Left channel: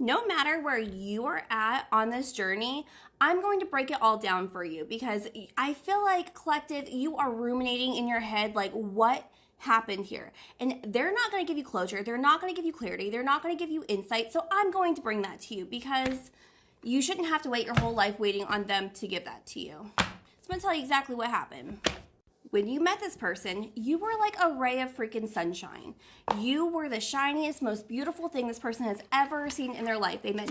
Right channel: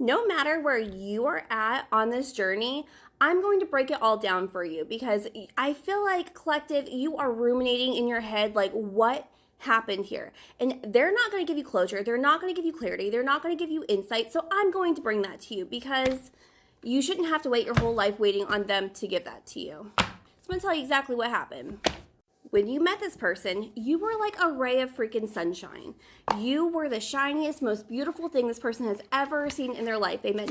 No matter where you are at on this journey, I'm going to break it all down for you because I feel like, collective, you are ruminating in your head like, what happened here? And they're not going to give you closure. They're not going to give you clarity. They're not going to give you insight. So I'm going to bring that to you because you shouldn't have to wait your whole life waiting on them to give that to you. So I'm going to tell you exactly what happened. When you met this person, you were like a ray of freaking sunshine. You were the shiniest, most beautiful thing this person has ever seen in their life. They met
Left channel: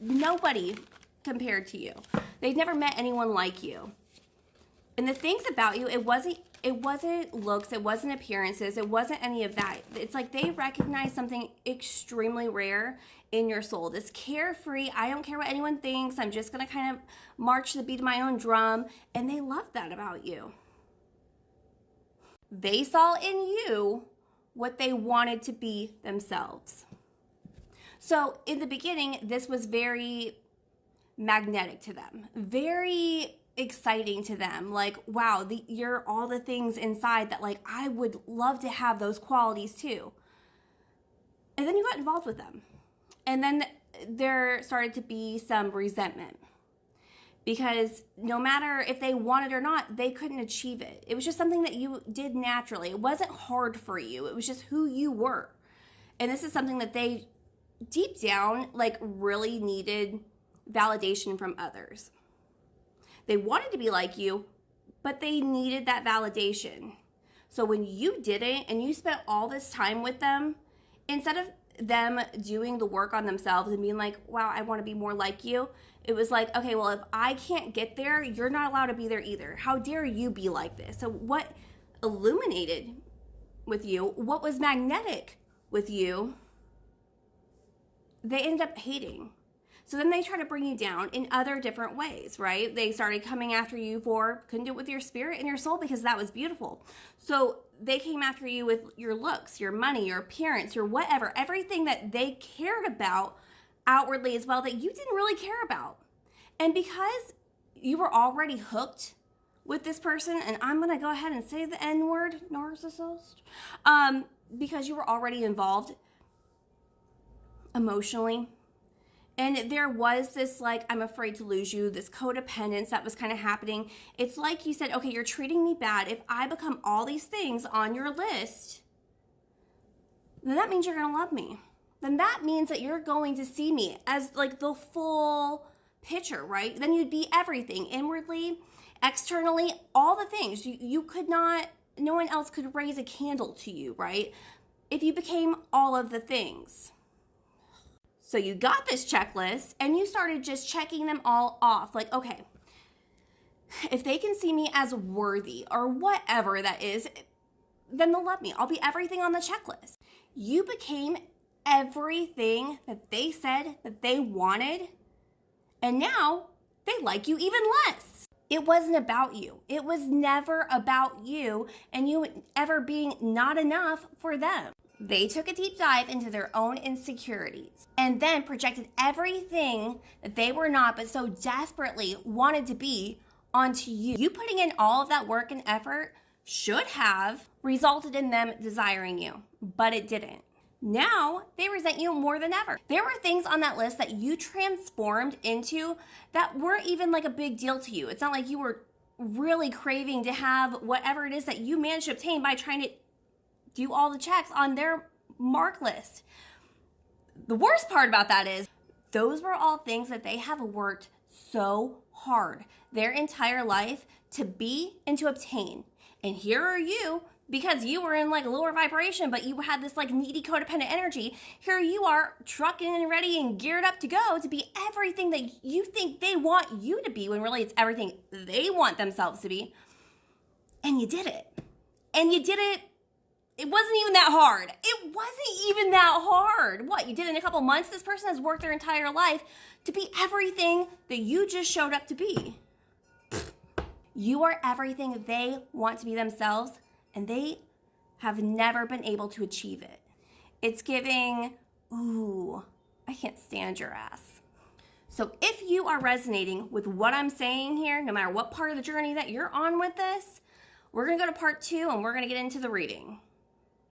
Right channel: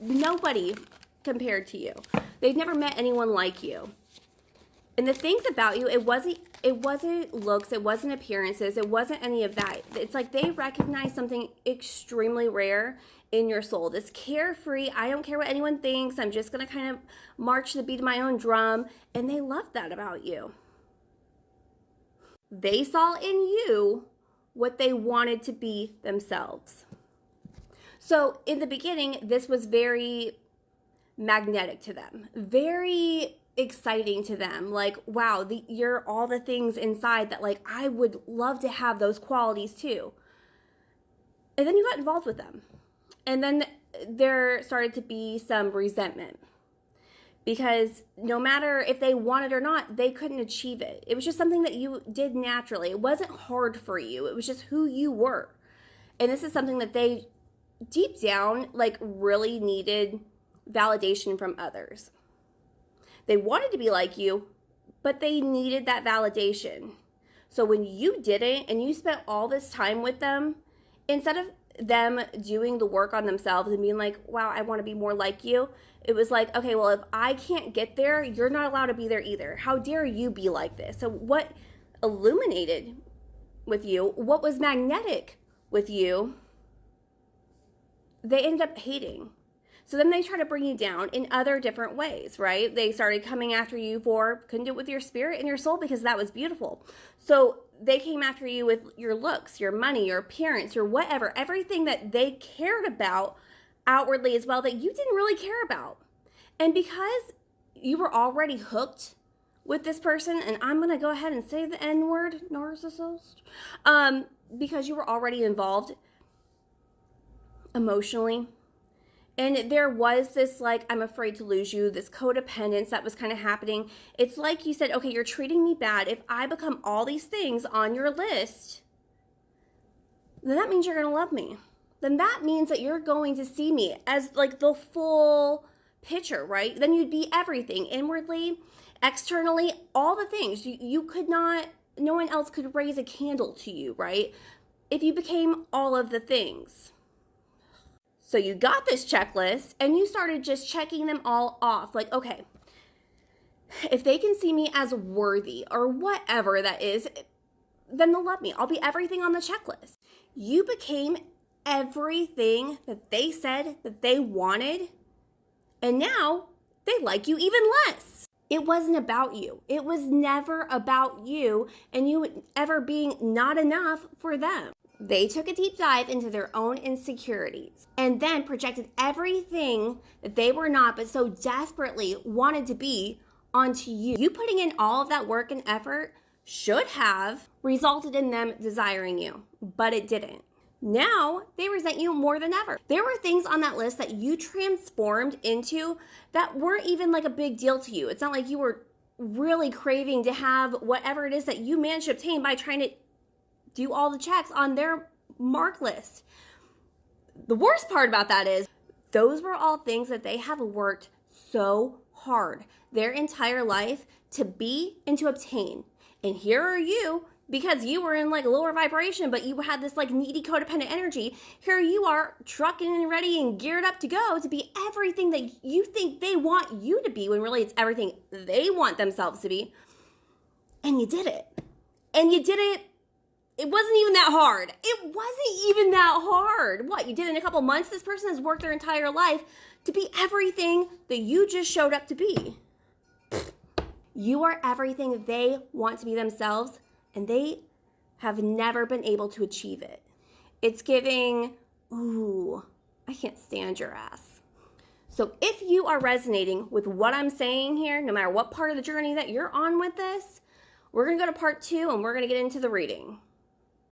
nobody compared to you. They've never met anyone like you. And the things about you, it wasn't looks, it wasn't appearances, it wasn't any of that. It's like they recognize something extremely rare in your soul. This carefree, I don't care what anyone thinks, I'm just gonna kind of march to the beat of my own drum. And they love that about you. They saw in you what they wanted to be themselves. So in the beginning, this was very magnetic to them, very exciting to them. Like, wow, you're all the things inside that, like, I would love to have those qualities too. And then you got involved with them. And then there started to be some resentment. Because no matter if they wanted or not, they couldn't achieve it. It was just something that you did naturally. It wasn't hard for you. It was just who you were. And this is something that they, deep down, like, really needed validation from others. They wanted to be like you, but they needed that validation. So when you didn't, and you spent all this time with them, instead of them doing the work on themselves and being like, wow, I want to be more like you, it was like, okay, well, if I can't get there, you're not allowed to be there either. How dare you be like this? So what illuminated with you, what was magnetic with you, they ended up hating. So then they try to bring you down in other different ways, right? They started coming after you for, couldn't do it with your spirit and your soul because that was beautiful. So they came after you with your looks, your money, your appearance, your whatever, everything that they cared about outwardly as well that you didn't really care about. And because you were already hooked with this person, and I'm going to go ahead and say the N-word, narcissist, because you were already involved emotionally, and there was this, like, I'm afraid to lose you, this codependence that was kind of happening. It's like you said, okay, you're treating me bad. If I become all these things on your list, then that means you're going to love me. Then that means that you're going to see me as, like, the full picture, right? Then you'd be everything, inwardly, externally, all the things. You could not, no one else could raise a candle to you, right? If you became all of the things. So you got this checklist and you started just checking them all off. Like, okay, if they can see me as worthy or whatever that is, then they'll love me. I'll be everything on the checklist. You became everything that they said that they wanted, and now they like you even less. It wasn't about you. It was never about you and you ever being not enough for them. They took a deep dive into their own insecurities and then projected everything that they were not but so desperately wanted to be onto you. You putting in all of that work and effort should have resulted in them desiring you, but it didn't. Now they resent you more than ever. There were things on that list that you transformed into that weren't even like a big deal to you. It's not like you were really craving to have whatever it is that you managed to obtain by trying to do all the checks on their mark list. The worst part about that is those were all things that they have worked so hard their entire life to be and to obtain. And here are you, because you were in like a lower vibration, but you had this like needy codependent energy. Here you are trucking and ready and geared up to go to be everything that you think they want you to be, when really it's everything they want themselves to be. And you did it. And you did it. It wasn't even that hard. It wasn't even that hard. What, you did in a couple months? This person has worked their entire life to be everything that you just showed up to be. You are everything they want to be themselves, and they have never been able to achieve it. It's giving, ooh, I can't stand your ass. So if you are resonating with what I'm saying here, no matter what part of the journey that you're on with this, we're going to go to part 2 and we're going to get into the reading.